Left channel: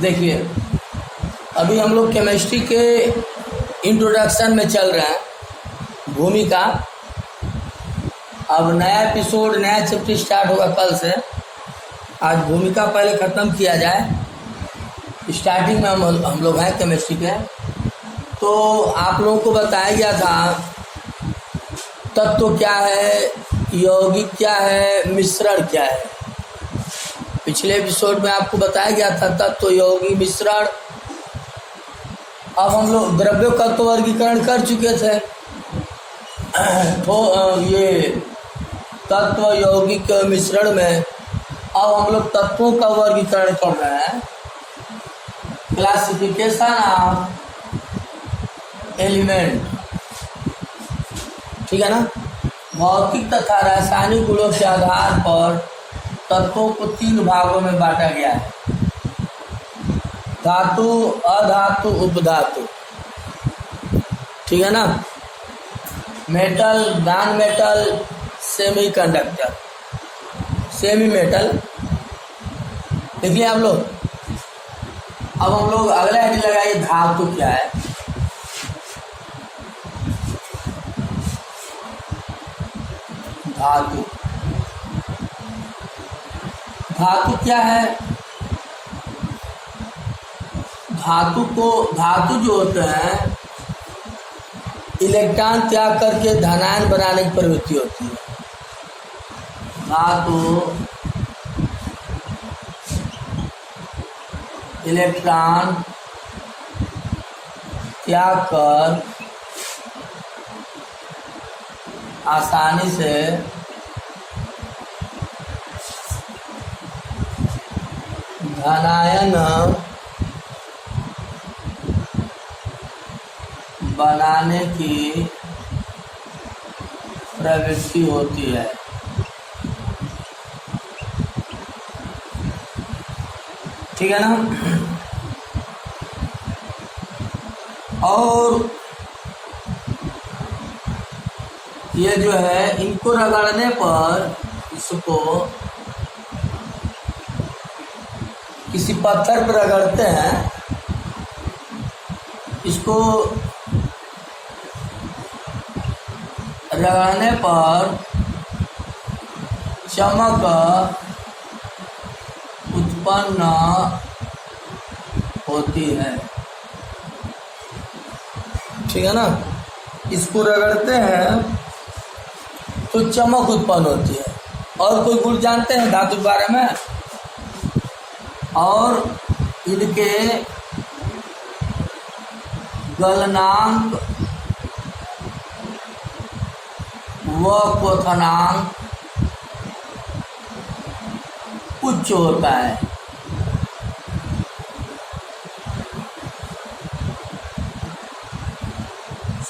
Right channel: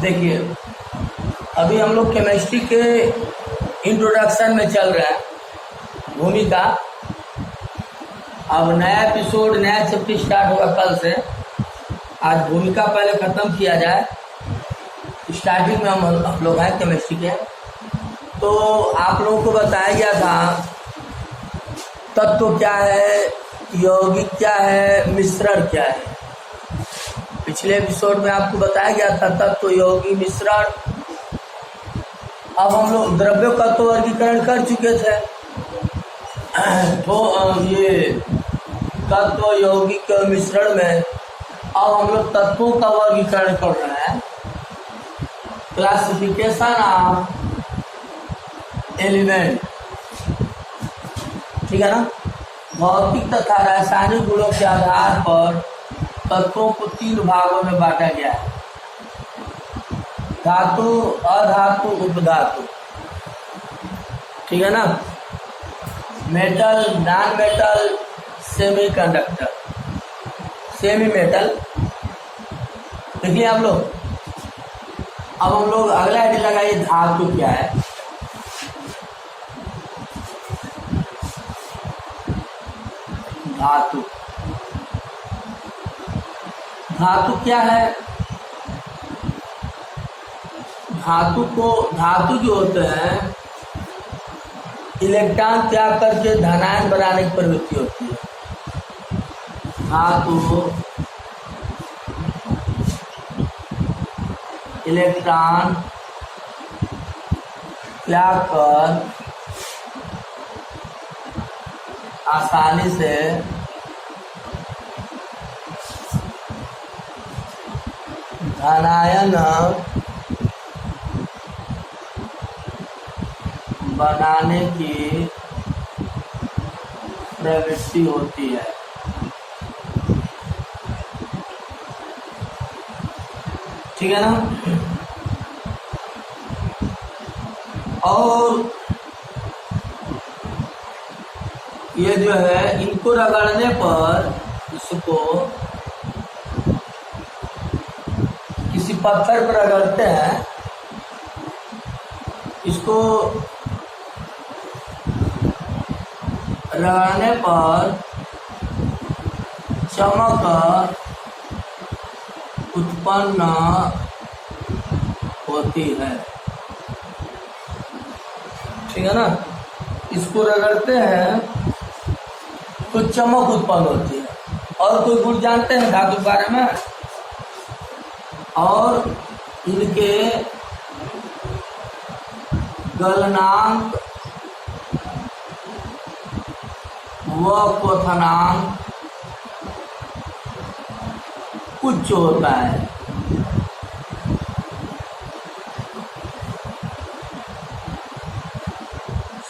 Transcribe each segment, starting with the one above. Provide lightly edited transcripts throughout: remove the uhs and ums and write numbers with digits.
देखिए, अभी हम लोग केमिस्ट्री के इंट्रोडक्शन में चल रहे हैं, भूमिका। अब नया एपिसोड, नया चैप्टर स्टार्ट होगा कल से। आज भूमिका पहले ख़त्म किया जाए। स्टार्टिंग में हम लोग हैं केमिस्ट्री के। तो आप लोगों को बताया गया था तत्व क्या है, यौगिक क्या है, मिश्रण क्या है। पिछले एपिसोड में आपको बताया गया था तत्व, यौगिक, मिश्रण। अब हम लोग द्रव्यों का तो वर्गीकरण कर चुके थे। तो ये तत्व, यौगिक, मिश्रण में अब हम लोग तत्वों का वर्गीकरण कर रहे हैं। क्लासिफिकेशन ऑफ एलिमेंट, ठीक है ना। भौतिक तथा रासायनिक गुणों के आधार पर तत्वों को 3 भागों में बांटा गया है: धातु, अधातु, उपधातु, ठीक है ना। Metal, non metal, semi conductor, semi metal. देखिए आप लोग, अब हम लोग अगला हेडिंग लगाइए, धातु क्या है। धातु, धातु क्या है। धातु जो होते हैं, इलेक्ट्रॉन त्याग करके धनायन बनाने की प्रवृत्ति होती है। धातु इलेक्ट्रॉन त्याग कर आसानी से धनायन बनाने की प्रवृत्ति होती है। ठीक है ना। और ये जो है, इनको रगड़ने पर, इसको किसी पत्थर पर रगड़ते हैं, इसको रगड़ने पर चमक उत्पन्न होती है। ठीक है ना। इसको रगड़ते हैं तो चमक उत्पन्न होती है। और कोई गुण जानते हैं धातु के बारे में? और इनके गलनांक व क्वथनांक उच्च होता है।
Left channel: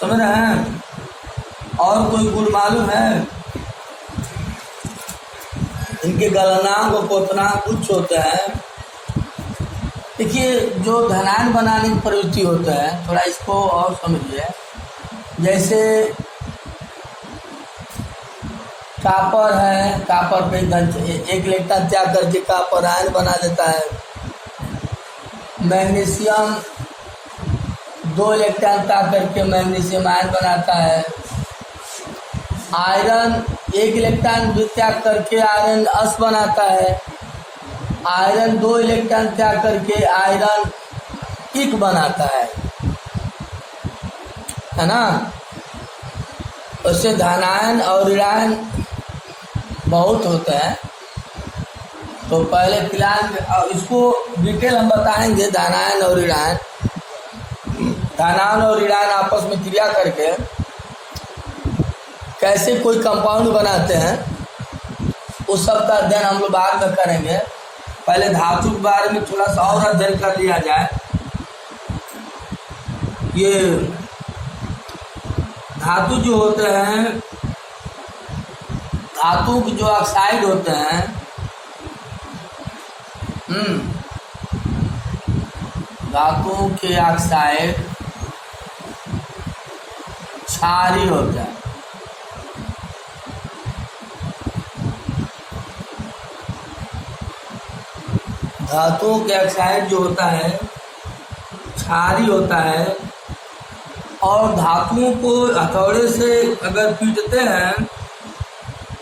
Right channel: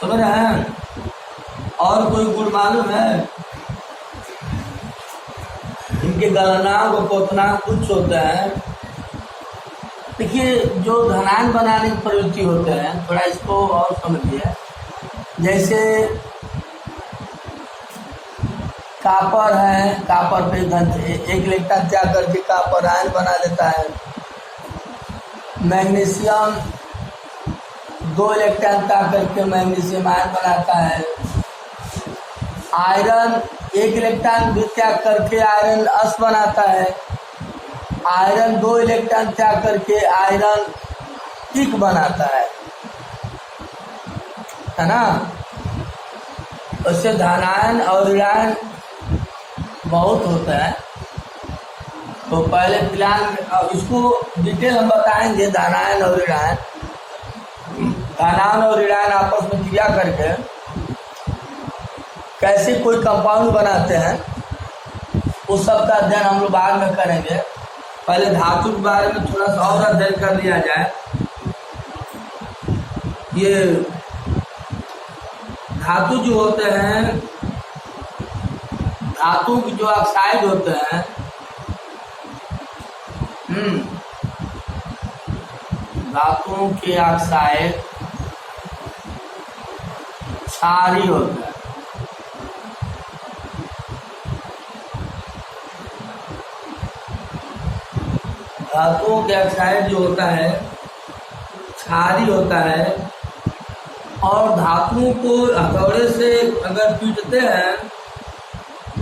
समझ रहे हैं? और कोई गुण मालूम है? इनके गलनांक व क्वथनांक उच्च होते हैं। देखिए, जो धनायन बनाने की प्रवृत्ति होता है, थोड़ा इसको और समझिए। जैसे कापर है, कापर पे एक इलेक्ट्रॉन त्याग करके कापर आयन बना देता है। मैग्नीशियम 2 इलेक्ट्रॉन त्याग करके मैग्नीशियम आयन बनाता है। आयरन 1 इलेक्ट्रॉन भी त्याग करके आयरन अस बनाता है। आयरन 2 इलेक्ट्रॉन त्याग करके आयरन इक बनाता है ना। उससे धनायन और ऋणायन बहुत होता है। तो पहले फिलहाल इसको डिटेल हम बताएंगे, धनायन और ऋणायन। धनायन और ऋणायन आपस में क्रिया करके कैसे कोई कंपाउंड बनाते हैं, उस सब का अध्ययन हम लोग बाद में करेंगे। पहले धातु के बारे में थोड़ा सा और अध्ययन कर लिया जाए। ये धातु जो होते हैं, धातु के जो ऑक्साइड होते हैं, धातुओं के ऑक्साइड क्षारीय होता है। धातुओं के ऑक्साइड जो होता है क्षारीय होता है, और धातुओं को हथौड़े से अगर पीटते हैं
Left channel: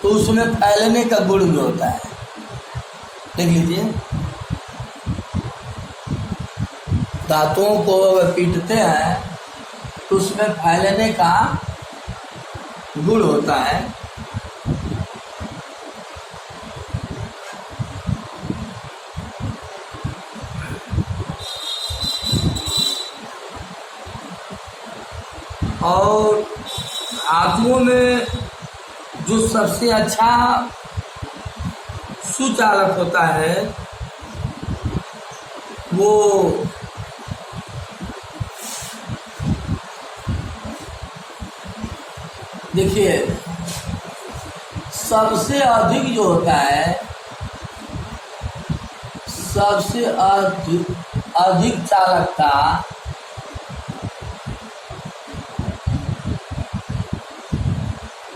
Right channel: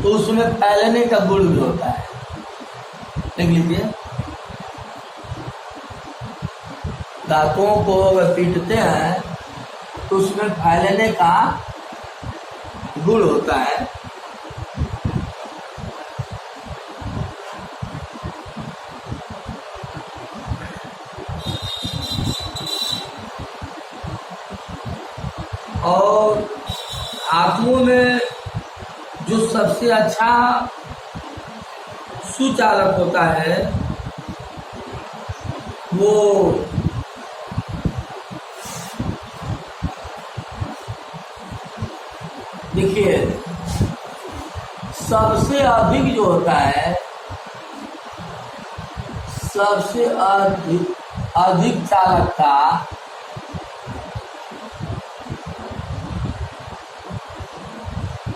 तो उसमें फैलने का गुण भी होता है। देख लीजिए, धातुओं को अगर पीटते हैं तो उसमें फैलने का गुण होता है। और धातुओं में जो सबसे अच्छा सुचालक होता है वो देखिए, सबसे अधिक जो होता है, सबसे अधिक चालकता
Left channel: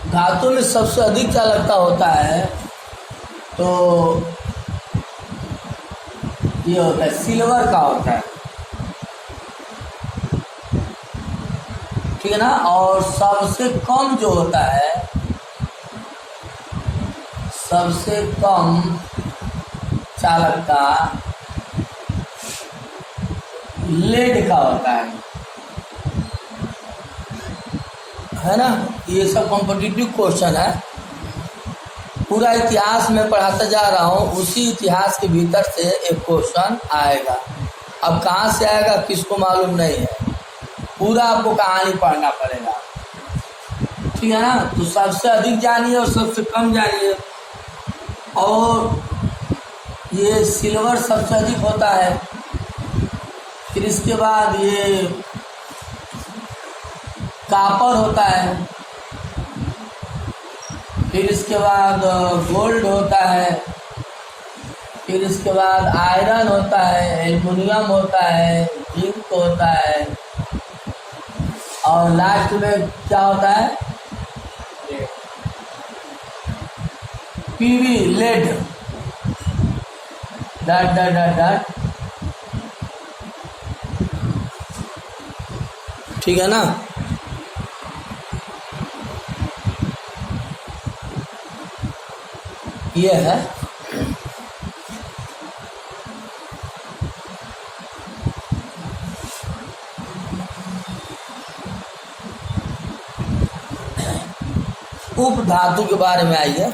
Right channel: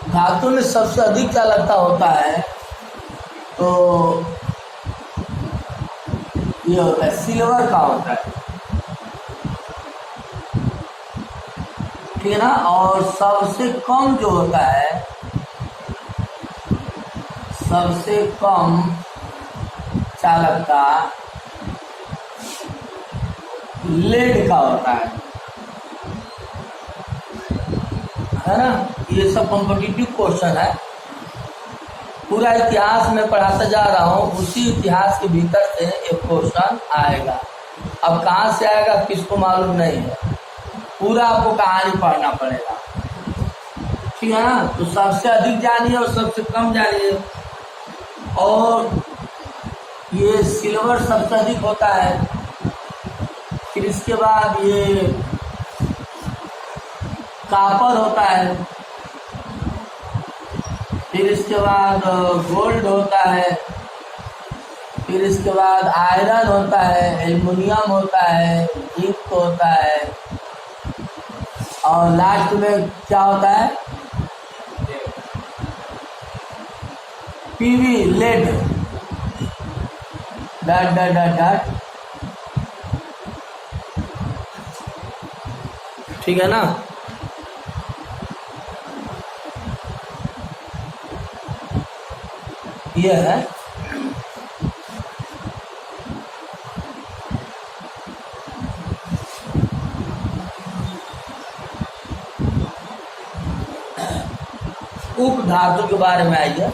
धातु में सबसे अधिक चालकता होता है तो ये होता है सिल्वर का होता है, ठीक है ना। और सबसे कम जो होता है, सबसे कम चालकता लेड का होता है ना। ये सब कॉम्पिटिटिव क्वेश्चन है, पूरा इतिहास में पढ़ाता जा रहा हूँ, उसी इतिहास के भीतर से एक क्वेश्चन आएगा। अब कहाँ से आएगा किसको मालूम नहीं है, पूरा आपको कहानी पढ़ना पड़ेगा, ठीक है ना। तो सबसे अधिक जानिए और सबसे कम जानिए। और ये सिल्वर सबसे अधिक होता है, फिर इसके बाद ये कॉपर होता है, फिर इसके बाद गोल्ड होता है, फिर इसके बाद आयरन होता है, एल्युमिनियम होता है, जिंक होता है, और लास्ट में क्या होता है, PV led, dot dot dot dot, ठीक है ना। ये है उप धातु के बारे में। आइए,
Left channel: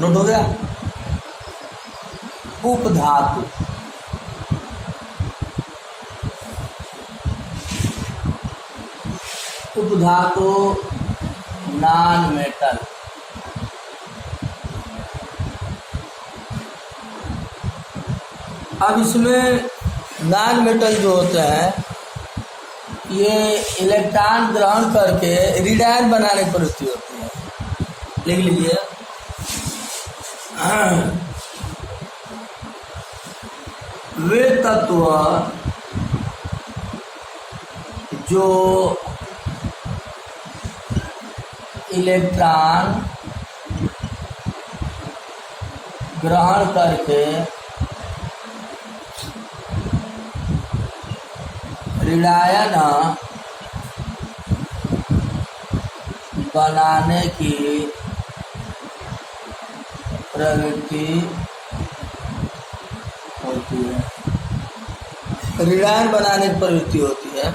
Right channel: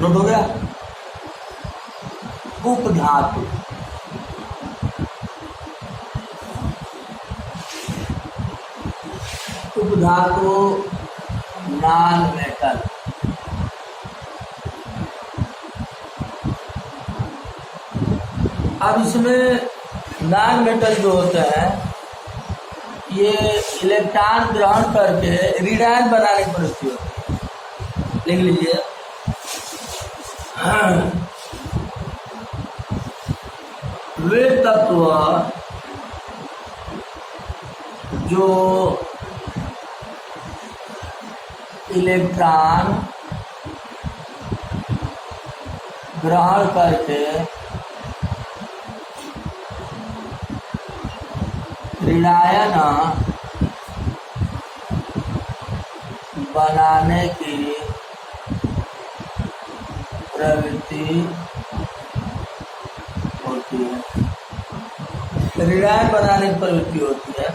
नोट हो गया, उप धातु। उप धातु नॉन मेटल, अब इसमें नॉन मेटल जो होते हैं ये इलेक्ट्रॉन ग्रहण करके ऋणायन बनाने की प्रवृत्ति होती है। लिख लीजिए, वे तत्व जो इलेक्ट्रॉन ग्रहण करके ऋणायन बनाने की प्रवृत्ति होती है, ऋणायन बनाने की प्रवृत्ति होती है।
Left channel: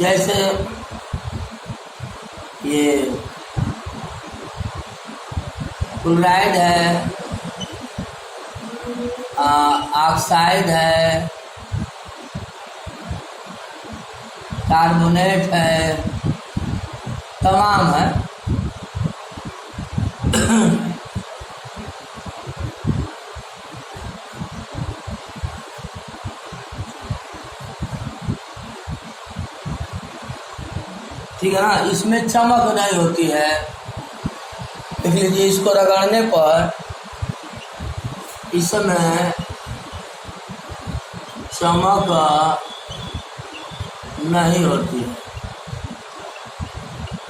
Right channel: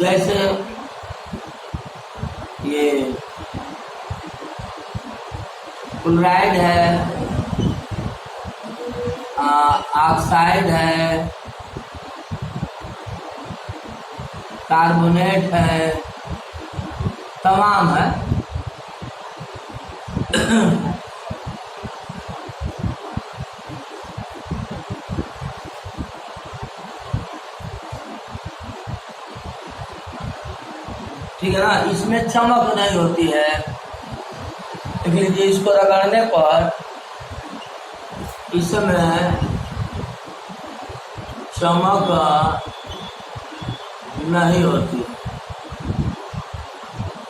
जैसे ये क्लोराइड है, ऑक्साइड है, कार्बोनेट है, तमाम है। ठीक है ना, इसमें चमक नहीं होती है। देख लीजिए, इसको रगड़ने पर इसमें चमक नहीं होती है।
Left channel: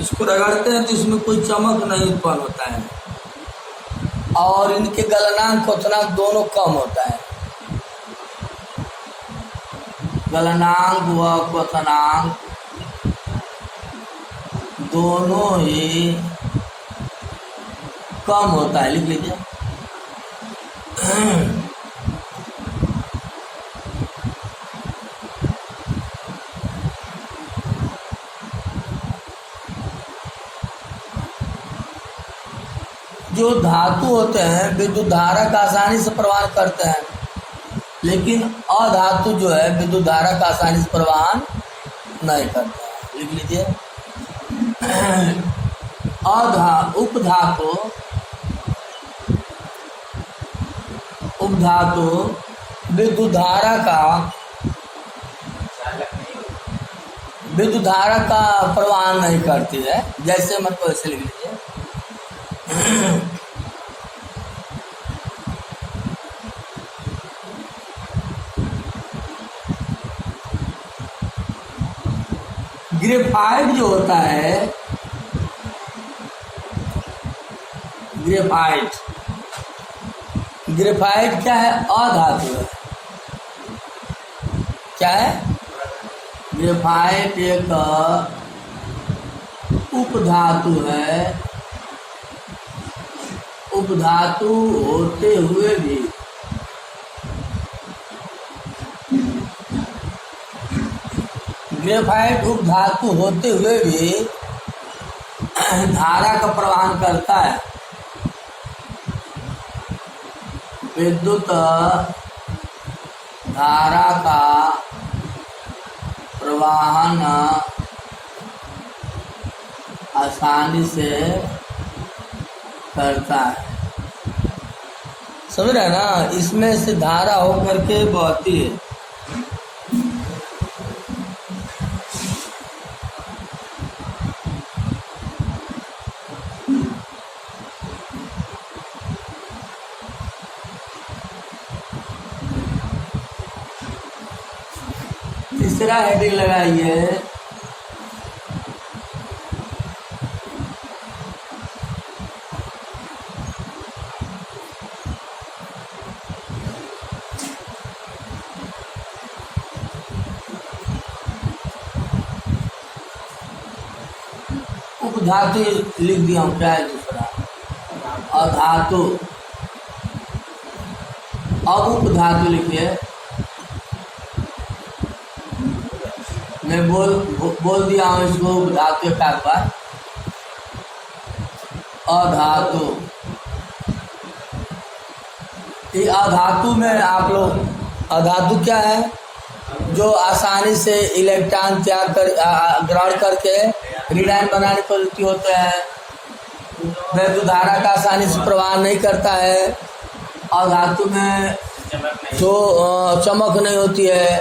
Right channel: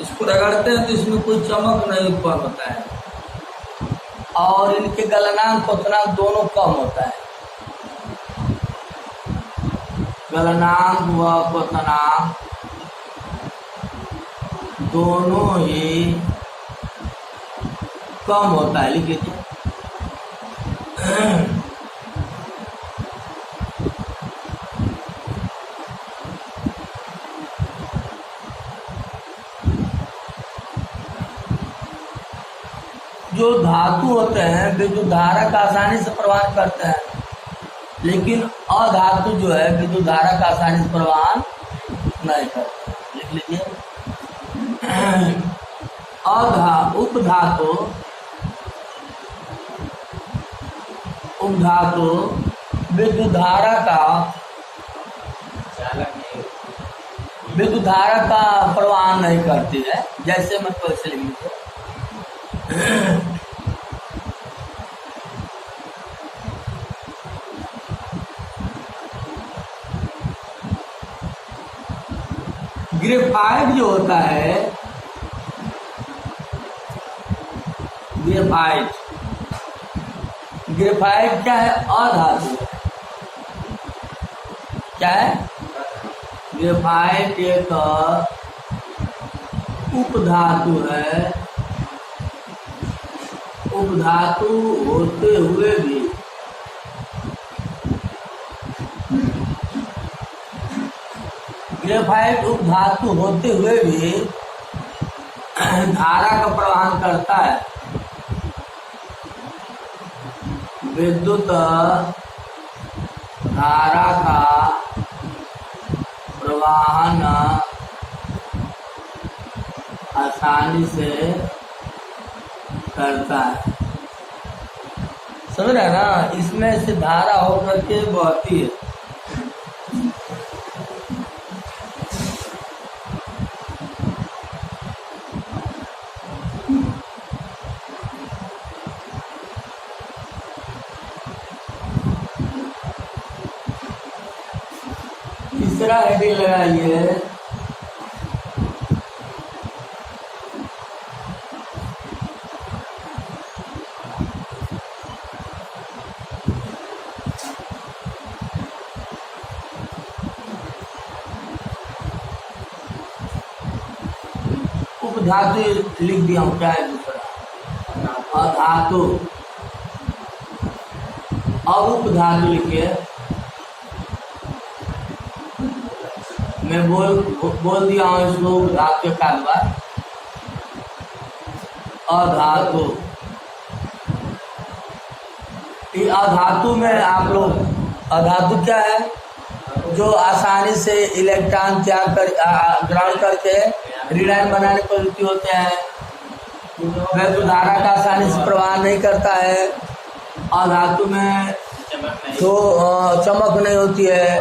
इसको रगड़ते हैं तो इसमें कोई चमक नहीं उत्पन्न होता है, और इनके गलनांक क्वथनांक दोनों कम होता है। गलनांक व क्वथनांक दोनों ही कम होता है। लिख लीजिए। जो धातु होते हैं विद्युत धारा का आसानी से प्रवाह करते हैं, लेकिन अधातु जो है विद्युत धारा का आसानी से प्रवाह नहीं करते हैं। लिख लीजिए। उपधातु विद्युत धारा का प्रवाह नहीं करती है। जैसे मतलब वैसे लिख लीजिए। ग्रेफाइट जो होता है, ग्रेफाइट क्या है? अधातु है। क्या है? ग्रेफाइट एक उपधातु है। उपधातु होते हुए भी ग्रेफाइट उपधातु होते हुए भी धारा का प्रवाह करता है। विद्युत धारा का प्रवाहन आसानी से करता है। समझ रहे हैं ना? इसमें से धारा होकर के बहती है। तीसरा हेडिंग लगाइए। उपधातु लिख दिया हूँ। क्या है दूसरा? अधातु। अब उपधातु लिखिए। मैं बोल दिया हूँ इसको उपधातु एक आध बार। अधातु। ये अधातु में आप लोग, अधातु क्या है? जो आसानी से इलेक्ट्रॉन त्याग कर ग्रहण करके ऋणायन बनाने प्रवृत्ति होते हैं। विद्युत धारा का आसानी से प्रवाह नहीं करता है। अधातु में जो चमक नहीं होती है।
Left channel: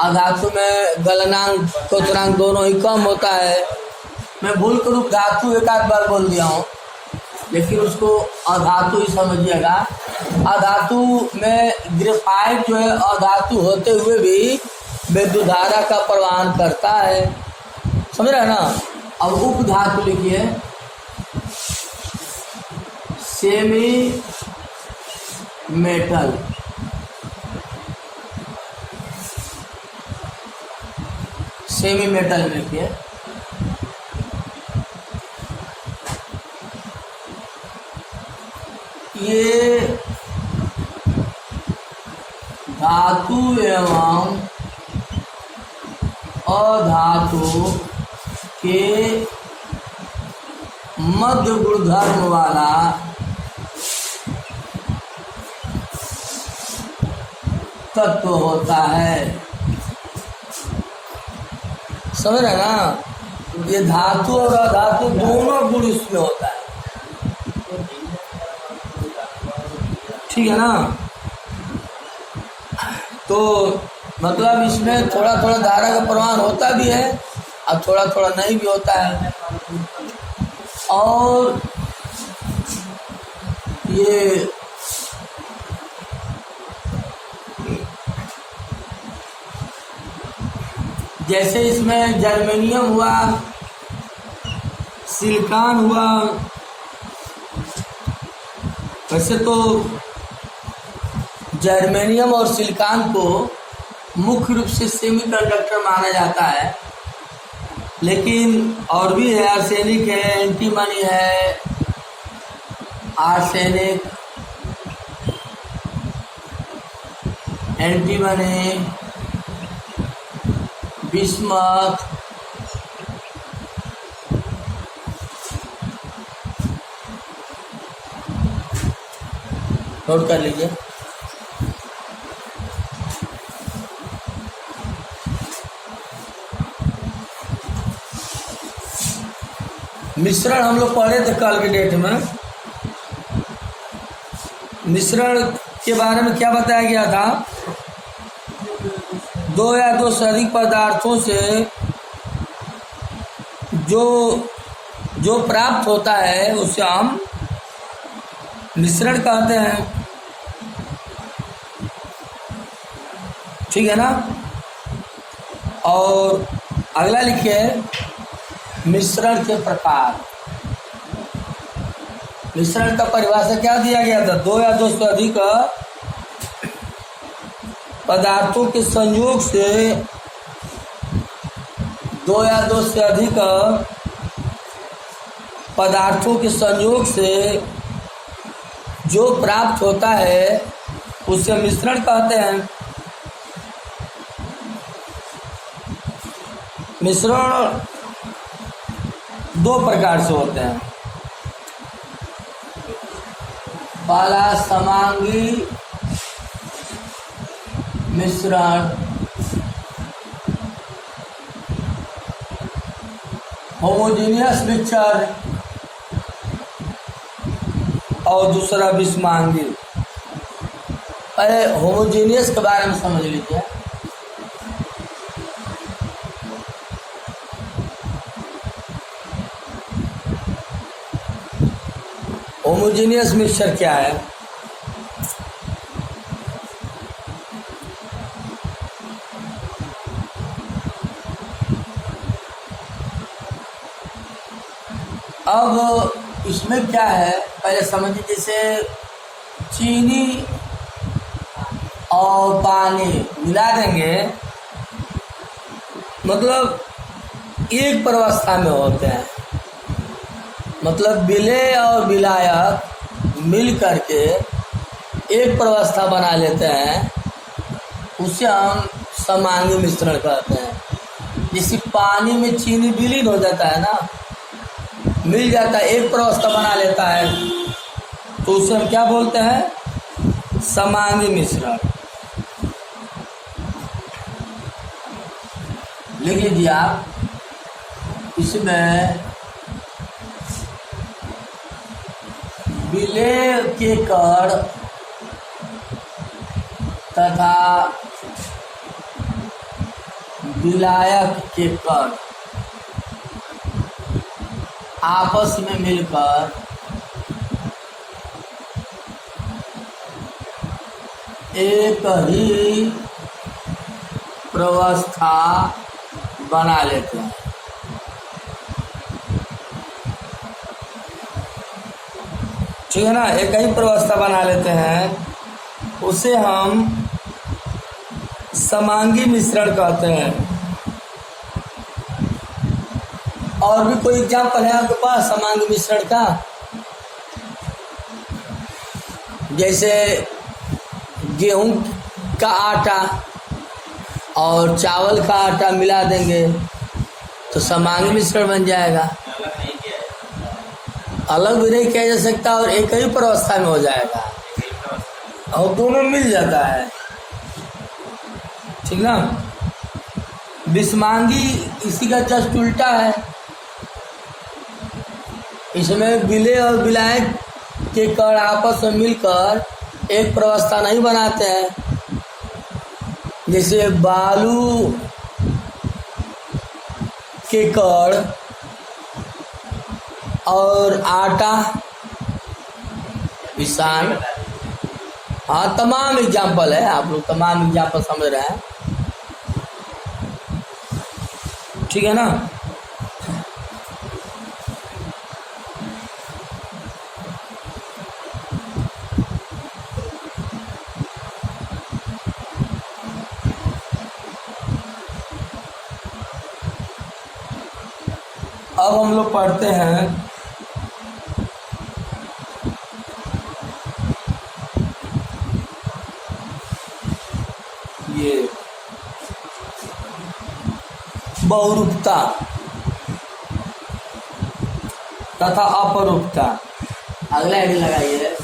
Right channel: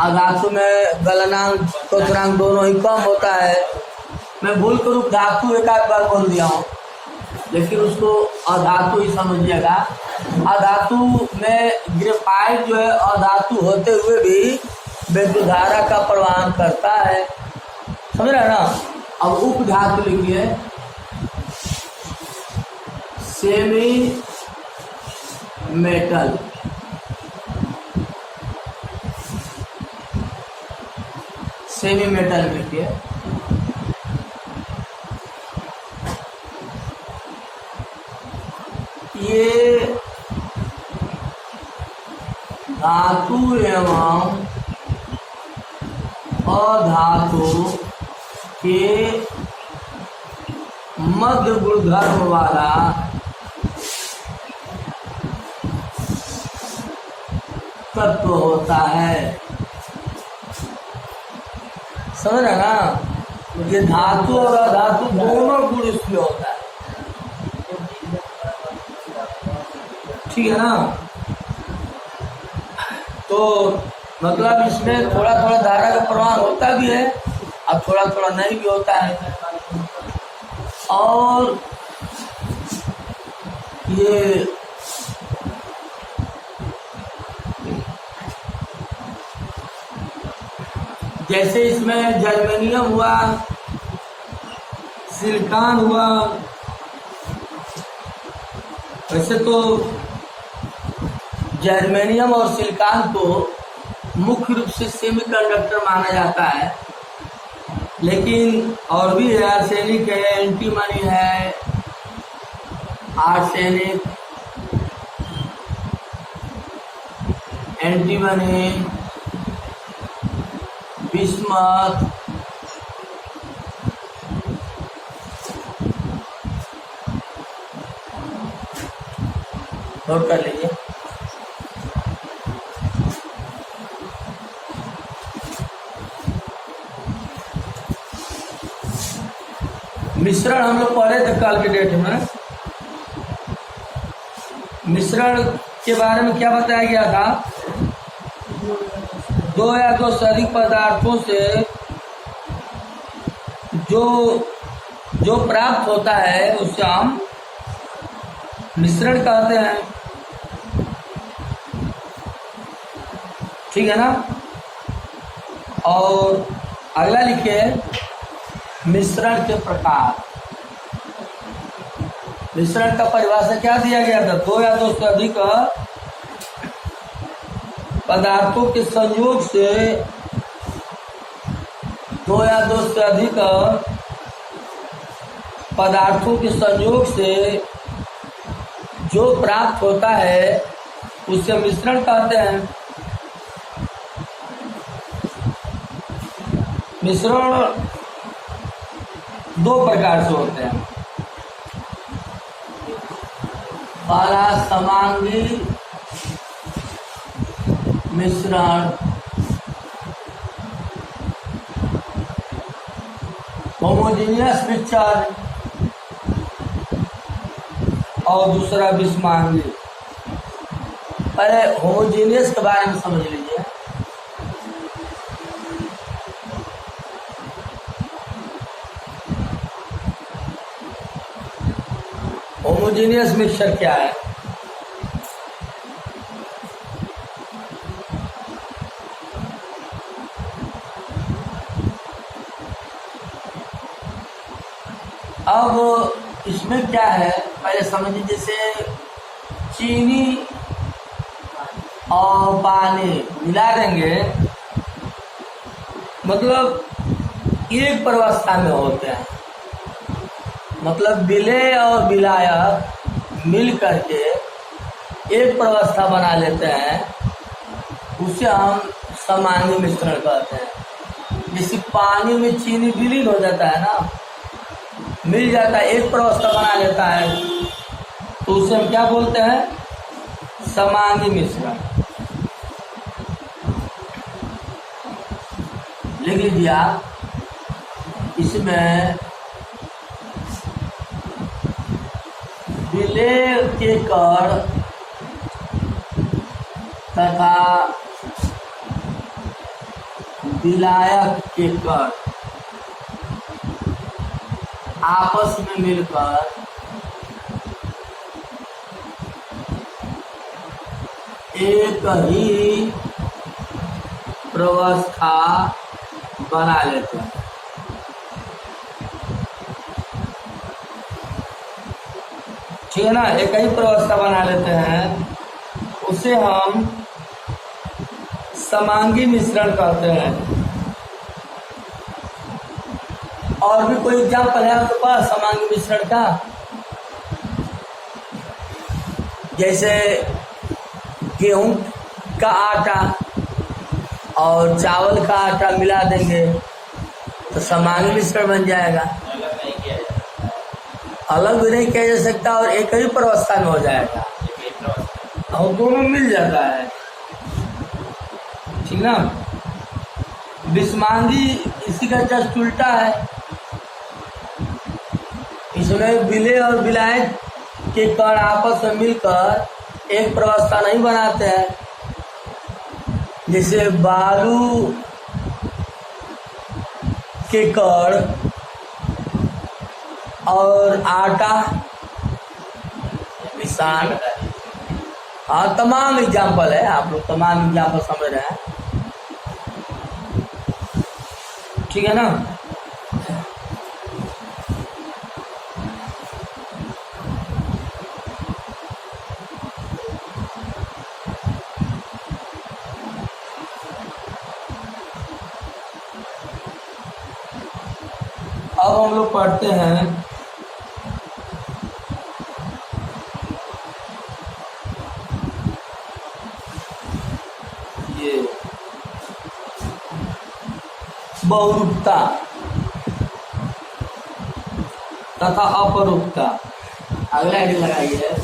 अधातु में गलनांक क्वथनांक दोनों ही कम होता है। मैं भूल कर धातु एक आध बार बोल दिया हूँ, लेकिन उसको अधातु ही समझिएगा। अधातु में ग्रेफाइट जो है अधातु होते हुए भी विद्युत धारा का प्रवाह करता है। समझ रहे हैं ना? अब उपधातु लिखिए। Semi metal. सेमी मेटल लिखिए। ये धातु एवं अधातु के मध्य गुणधर्म वाला तत्व होता है। समझ रहे ना? ये धातु और अधातु दोनों गुण इसमें होता है। ठीक है ना? तो मतलब इसमें थोड़ा थोड़ा धारा का प्रवाह होता भी है और थोड़ा थोड़ा नहीं भी होता है। और ये जैसे इसमें जर्मेनियम हुआ, सिलिकॉन हुआ। वैसे तो जर्मेनियम और सिलिकॉन को मुख्य रूप से सेमीकंडक्टर माना जाता है, लेकिन और भी है, आर्सेनिक है, एंटीमनी है, आर्सेनिक, एंटीमनी, बिस्मथ, नोट कर लीजिए। मिश्रण हम लोग पढ़े थे कल के डेट में। मिश्रण के बारे में क्या बताया गया था? दो या दो से अधिक पदार्थों से जो प्राप्त होता है उसे हम मिश्रण कहते हैं। ठीक है ना? और अगला लिखिए, मिश्रण के प्रकार। मिश्रण का परिभाषा क्या दिया गया था? दो या दो से अधिक पदार्थों के संयोग से, दो या दो से अधिक पदार्थों के संयोग से जो प्राप्त होता है उसे मिश्रण कहते हैं। मिश्रण दो प्रकार से होते हैं। पहला समांगी मिश्रण, होमोजेनियस मिक्सचर, और दूसरा विषमांगी। पहले होमोजेनियस के बारे में समझ लीजिए। होमोजेनियस मिक्सचर क्या है? अब इसमें क्या है पहले समझिए। जैसे चीनी और पानी मिला देंगे, मतलब एक प्रवस्था में होते हैं। मतलब विलेय और विलायक मिल करके एक प्रवस्था बना लेते हैं, उसे हम समांगी मिश्रण कहते हैं। जैसे पानी में चीनी विलीन हो जाता है ना, मिल जाता है, एक प्रवस्था बना लेता है, तो उसे हम क्या बोलते हैं? समांगी मिश्रण। लिख लीजिए आप। इसमें विलेय के कण तथा विलायक के कण आपस में मिलकर एक ही प्रवस्था बना लेते हैं। ठीक है ना? एक ही प्रवस्था बना लेते हैं, उसे हम समांगी मिश्रण कहते हैं। और भी कोई एग्जाम्पल है आपके पास समांगी मिश्रण का? जैसे गेहूं का आटा और चावल का आटा मिला देंगे तो समांगी मिश्रण बन जाएगा। अलग भी नहीं किया जा सकता और एक ही प्रवस्था में हो जाएगा, और दोनों मिल जाता है। ठीक ना? विषमांगी इसी का जस्ट उल्टा है। इसमें विलेय और विलायक के कण आपस में मिलकर एक प्रवस्था नहीं बनाते हैं। जैसे बालू के कण और आटा, विषाण। हाँ, तमाम एग्जाम्पल है, आप लोग तमाम एग्जाम्पल समझ रहे हैं। ठीक है ना। अब हम लोग पढ़ते हैं ये बहुरूपता तथा अपरूपता। अगला आईडी लगाइए।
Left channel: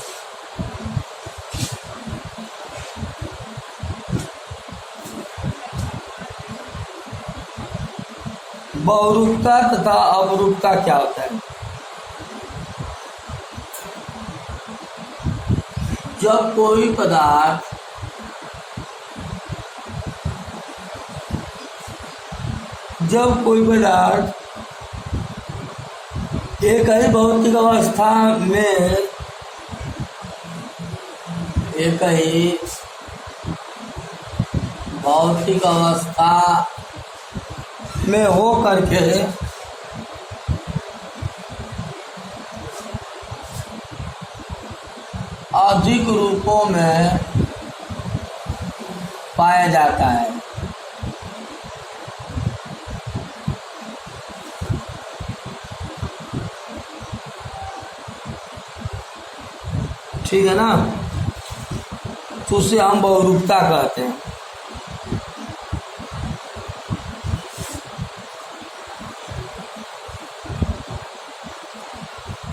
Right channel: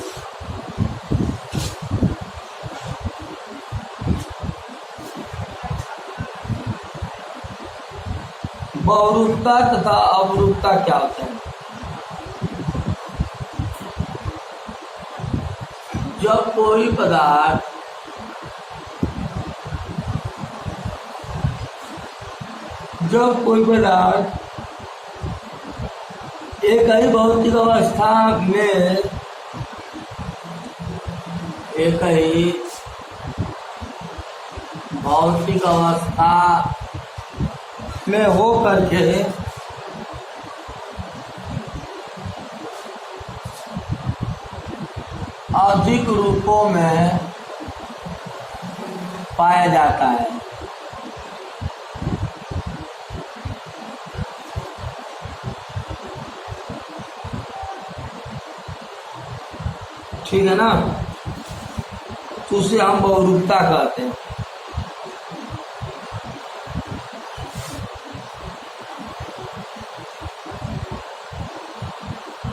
बहुरूपता तथा अपरूपता क्या होता है? जब कोई पदार्थ एक ही भौतिक अवस्था में हो करके अधिक रूपों में पाया जाता है। ठीक है ना, तो उसे हम बहुरूपता कहते हैं।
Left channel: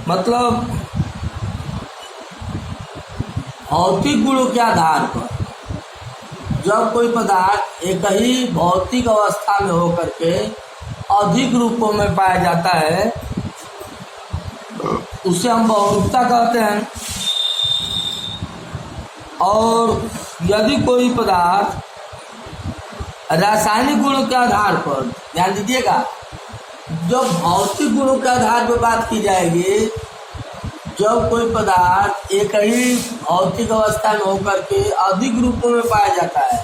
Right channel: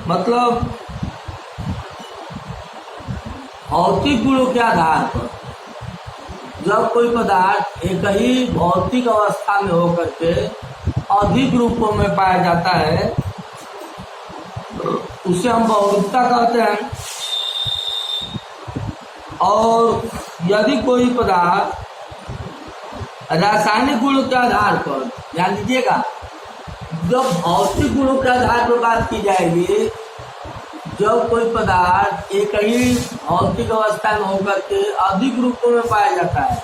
मतलब भौतिक गुणों के आधार पर जब कोई पदार्थ एक ही भौतिक अवस्था में होकर के अधिक रूपों में पाया जाता है, उसे हम बहुरूपता कहते हैं। और यदि कोई पदार्थ रासायनिक गुणों के आधार पर, ध्यान दीजिएगा, जब भौतिक गुणों के आधार पर बात की जाएगी, जब कोई पदार्थ एक ही भौतिक अवस्था में होकर के अधिक रूपों में पाया जाता है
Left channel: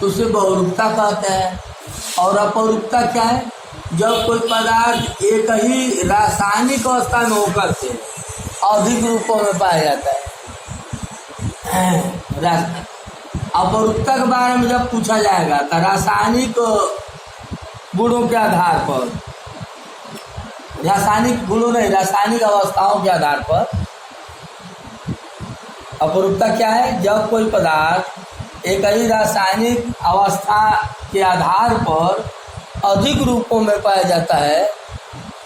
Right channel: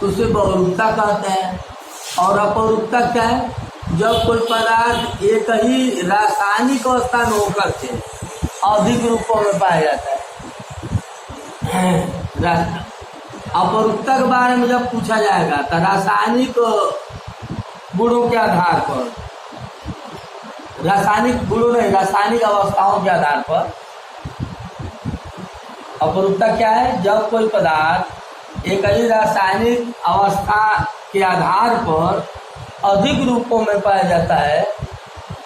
तो उसे बहुरूपता कहते हैं। और अपरूपता क्या है? जब कोई पदार्थ एक ही रासायनिक अवस्था में होकर के अधिक रूपों में पाया जाता है। अपरूपता के बारे में जब पूछा जाएगा तो रासायनिक गुणों के आधार पर, रासायनिक गुणों नहीं, रासायनिक अवस्थाओं के आधार पर अपरूपता क्या है? जब कोई पदार्थ एक ही रासायनिक अवस्था के आधार पर अधिक रूपों में पाया जाता है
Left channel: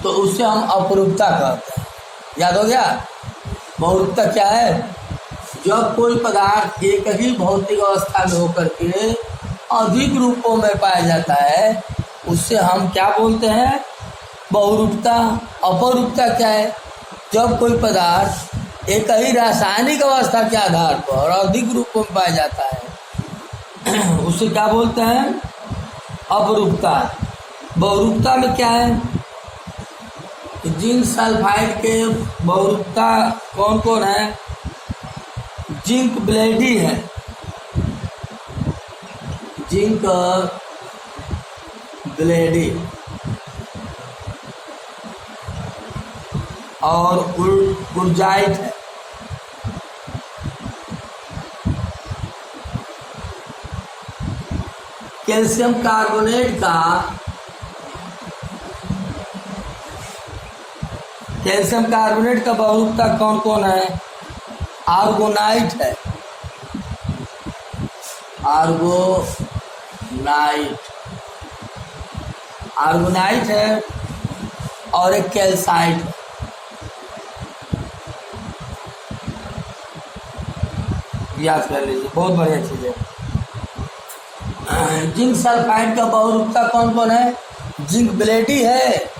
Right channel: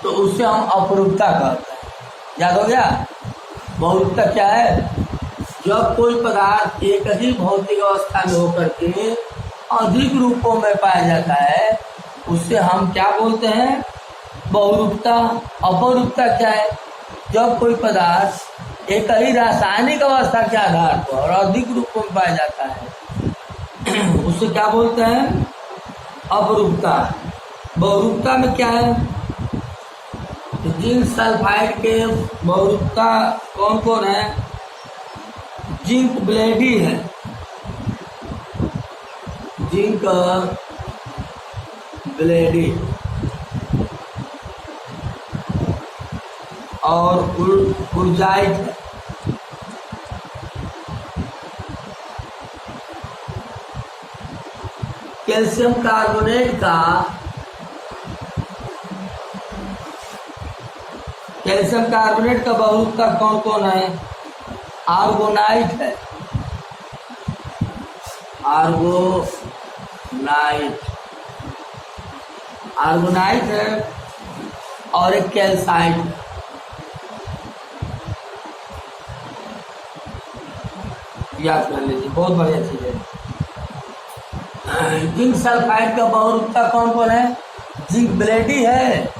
तो उसे हम अपरूपता कहते हैं। याद हो गया? बहुरूपता क्या है? जब कोई पदार्थ एक ही भौतिक अवस्था में होकर के अधिक रूपों में पाया जाता है उससे हम क्या बोलते हैं? बहुरूपता। अपरूपता क्या है? जब कोई पदार्थ एक ही रासायनिक अवस्था के आधार पर अधिक रूपों में पाया जाता है उसे क्या बोलते हैं? अपरूपता। बहुरूपता में क्या है? जिंक सल्फाइड के बहुरूपता कौन कौन है? जिंक ब्लेडी है, जिंक ब्लेडी, और उर्जाइट है। कैल्शियम कार्बोनेट का बहुरूपता कौन कौन है? आर्गोनाइट है, आर्गोनाइट है और एक कैल्साइट है। याद कर लीजिए, बहुत बढ़िया चीज है। जिंक सल्फाइड का बहुरूपता कौन कौन है? जिंक ब्लेडी है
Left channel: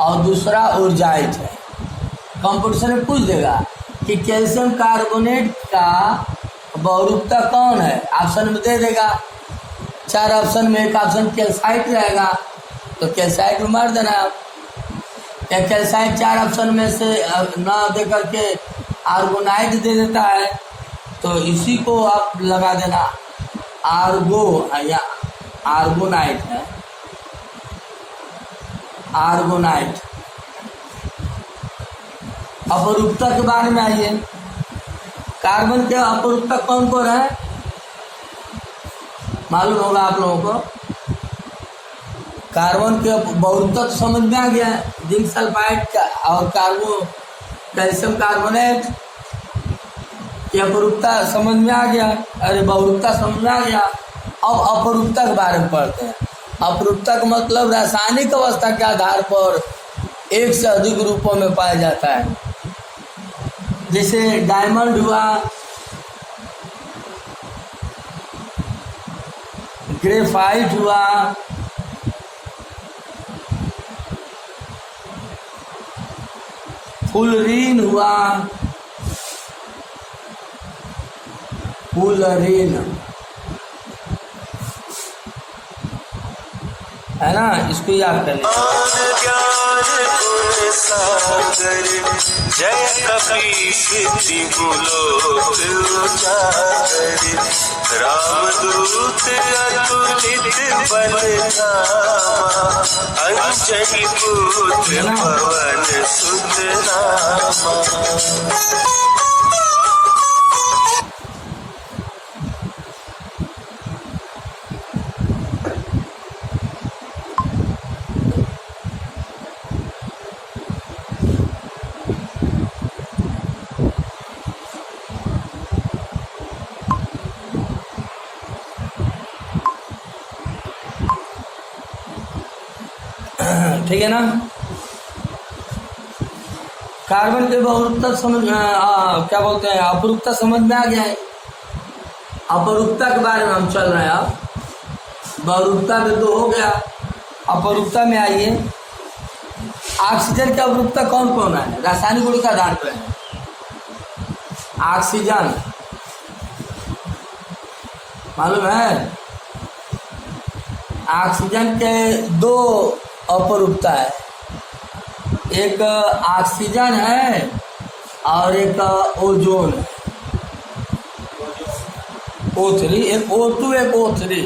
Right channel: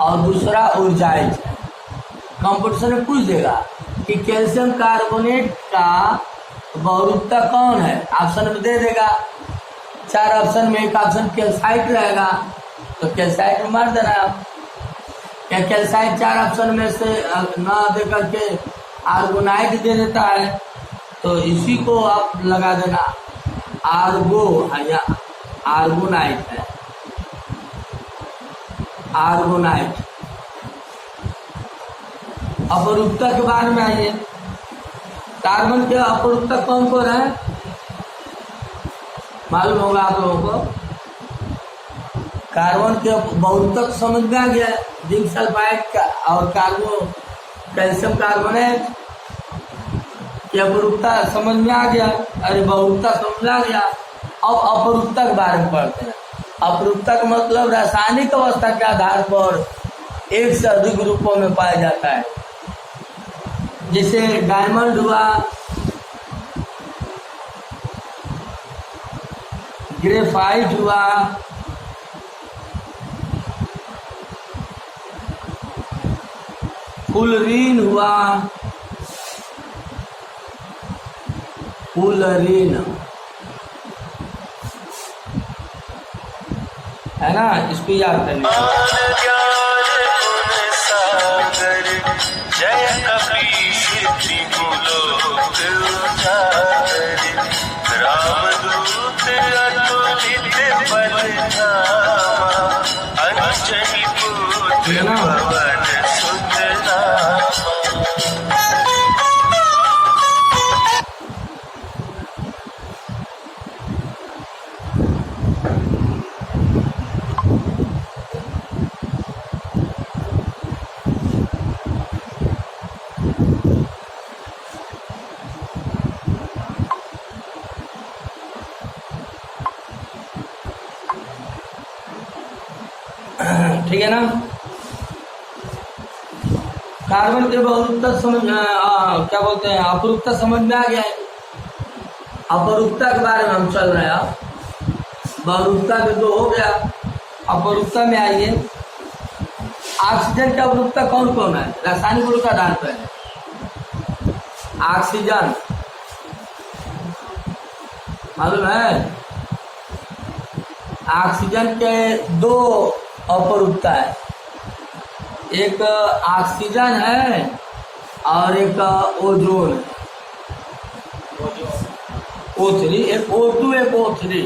और दूसरा उर्जाइट है। कंपटीशन में पूछ देगा कि कैल्शियम कार्बोनेट का बहुरूपता कौन है, ऑप्शन में दे देगा। 4 ऑप्शन में एक ऑप्शन कैल्साइट रहेगा तो कैल्साइट में मार देना। या कैल्साइट 4 ऑप्शन में से ना दे करके आर्गोनाइट दे देता है तो इसी को आप लगा देना, आर्गो या आर्गोनाइट है। आर्गोनाइट। अपरूपता के बारे में आइए, कार्बन के अपरूपता कौन कौन है मालूम होगा आप लोगों को। कार्बन के बहुरूपता समझ में आ गया, जिंक सल्फाइड का और कैल्शियम कार्बोनेट, ये अपरूपता समझ में आ गया। अरे बहुरूपता समझ में आ गया। अब अपरूपता के बारे में पढ़ते हैं। अपरूपता का मतलब रासायनिक अवस्था के आधार पर एक से अधिक रूपों में पाया जाता है। जैसे डायमंड हुआ, ग्रेफाइट हुआ, फुलरीन हुआ, फुलरीन है ना, इसको याद कर लीजिए। जय कपीश रामदूत अतुलित बलधामा, अंजनी पुत्र पवन सुत रामा। ठीक है ना। कार्बन के बहुरूपता समझ क्या बोलते हैं, अपरूपता समझ में आ गया है। अपरूपता के बारे में हम चल रहे हैं। अब बहुरूपता में दो हो गया, अपरूपता में आइए। ऑक्सीजन की अपरूपता कौन कौन है, रासायनिक गुण का आधार पर है। ऑक्सीजन मालूम है, ऑक्सीजन के दो अपरूपता है, एक ऑक्सीजन है और एक ओजोन, O3, एक O2 एक O3।